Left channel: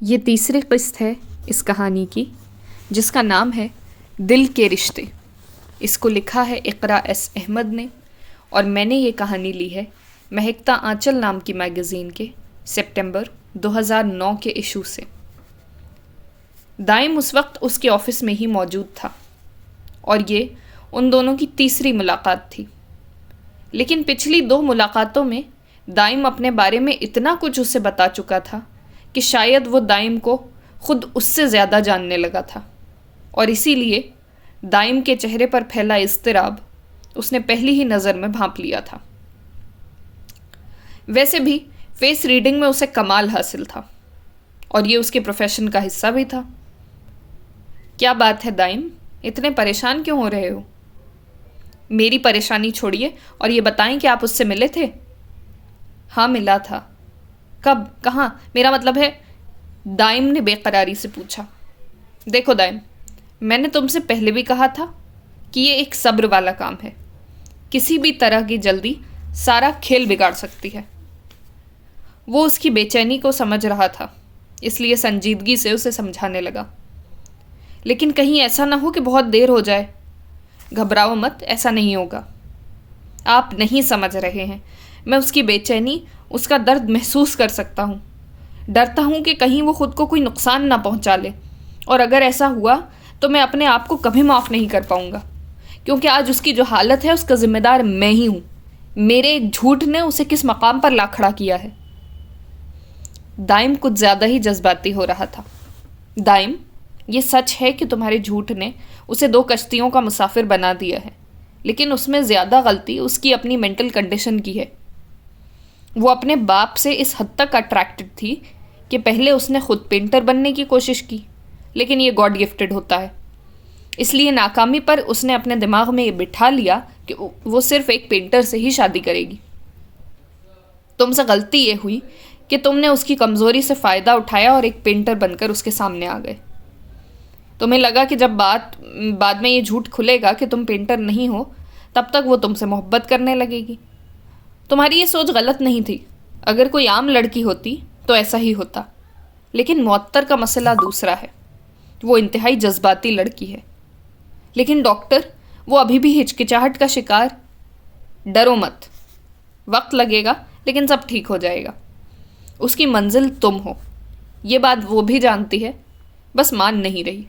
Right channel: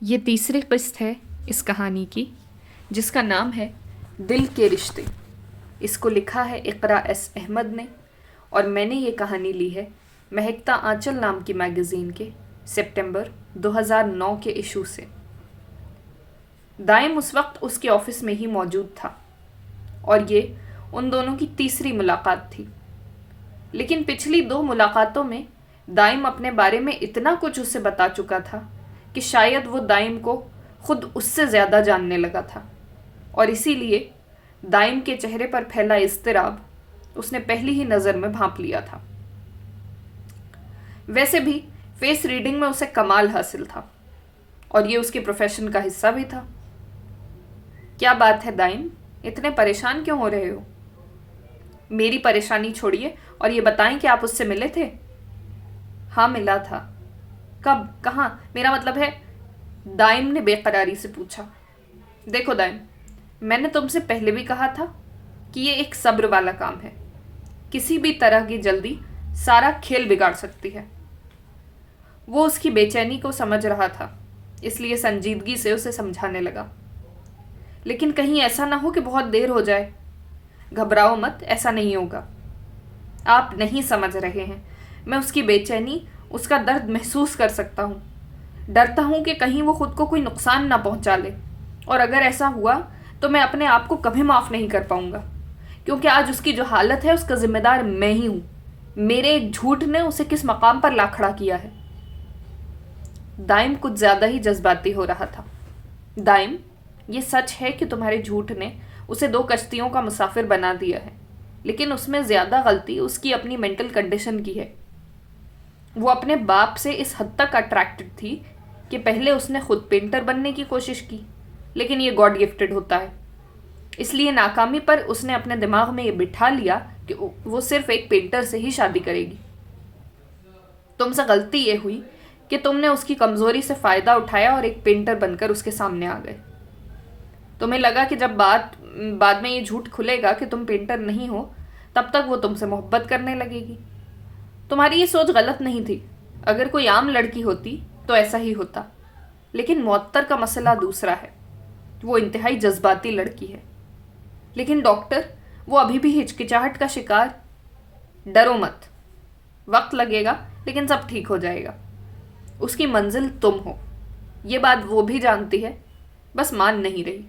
یہ تیسری قسط ہے اس کہانی کی، جس کا نام ہے دل کے رشتے۔ اس کو لکھا ہے اقرا ایس احمد نے، اور میں نے یہ کہانی لی ہے مہکتا آنچل نام کی میگزین کے سپٹمبر 2009 کے ایشو سے۔ دائم اس وقت اس کے آفس میں ہی موجود تھا، اور یہ ان دونوں کی تیسری ملاقات تھی۔ لیکن پچھلی 2 ملاقاتوں میں دائم اپنے بارے میں اتنا کچھ اسے بتا چکا تھا کہ شاید وہ دائم کو خود اس سے زیادہ جاننے لگا تھا، اور اسی لیے دائم کے چہرے پر پھیلا اضطراب اس نے پہلی ہی نظر میں بھانپ لیا تھا۔ ویسے بھی فیس ریڈنگ میں اسے کمال حاصل تھا، اور یہ اس کے پروفیشن کا حصہ بھی تھا۔ کیا بات ہے دائم، اتنے پریشان کیوں ہو رہے ہو؟ میری پریشانی چھوڑیے اور یہ بتائیں کہ آپ اس سے ملے تھے؟ ہاں ملا تھا۔ کب؟ کہاں؟ میرا مطلب ہے، دائم نے بے قراری سے پوچھا۔ دیکھو دائم، میں نے تم سے پہلے بھی کہا تھا کہ یہ ایک صبر والا کام ہے۔ کسی بھی طرح کی جلدی سارا کھیل بگاڑ سکتی ہے۔ وہ اس کی بے چینی کو سمجھ رہا تھا، اس لیے سنجیدگی سے اسے سمجھانے لگا۔ لیکن کہیں ایسا نہ ہو کہ بہت دیر ہو جائے۔ گھبراؤ مت، ایسا نہیں ہوگا۔ آپ نہیں سمجھ رہے ہیں، میں اس کی بے چینی، اس کا درد محسوس کر سکتا ہوں۔ ڈرتا ہوں کہ کہیں وہ خود کو کوئی نقصان نہ پہنچا لے، اور اگر ایسا ہوا تو میں اپنے آپ کو کبھی معاف نہیں کر پاؤں گا، کیونکہ آج اس کی جو حالت ہے اس کا ذمہ دار میں ہی ہوں۔ میرے ایک جھوٹ نے اسے کس مقام پر لا کھڑا کیا ہے۔ دائم کچھ زیادہ ہی جذباتی ہو رہا تھا۔ دائم، یہ سچ ہے کہ تمہارے جھوٹ نے اسے 2 کشتیوں کا مسافر بنا دیا ہے، لیکن اس میں زیادہ غلطی اس کی اپنی مینٹل کنڈیشن کی ہے۔ وہ اپنے باپ سے اس حد تک اٹریکٹڈ تھی کہ پہلے اس نے خود پینٹر بننے کی کوشش کی، لیکن یہ گاڈ گفٹڈ ہوتا ہے۔ اس لیے ناکامی پر اس نے اپنے دماغ میں یہ بٹھا لیا کہ وہ صرف ایک پینٹر سے ہی شادی کرے گی۔ تم سے غلطی یہ ہوئی کہ تم نے اس کی کمزوری سے فائدہ اٹھایا اور ایک پینٹر بن کر اس کے سامنے آ گئے۔ تمہیں لگا کہ جب بعد میں یہ جھوٹ کھلے گا کہ تم پینٹر نہیں ہو، تب تک وہ تم سے محبت کرنے لگے گی۔ تمہاری یہ سوچ غلط نہیں تھی۔ اگر کوئی عام لڑکی ہوتی تو ایسا ہی ہوتا، لیکن معطر کا مسئلہ دوسرا ہے۔ وہ انتہائی جذباتی لڑکی ہے۔ لیکن ڈاکٹر، وہ ابھی بھی ہچکچاہٹ کا شکار۔ ڈرو مت، وقت لگے گا لیکن سب ٹھیک ہو جائے گا۔ اس کی منزل تم ہو، یہ بات وہ بھی جانتی ہے، بس مان نہیں رہی۔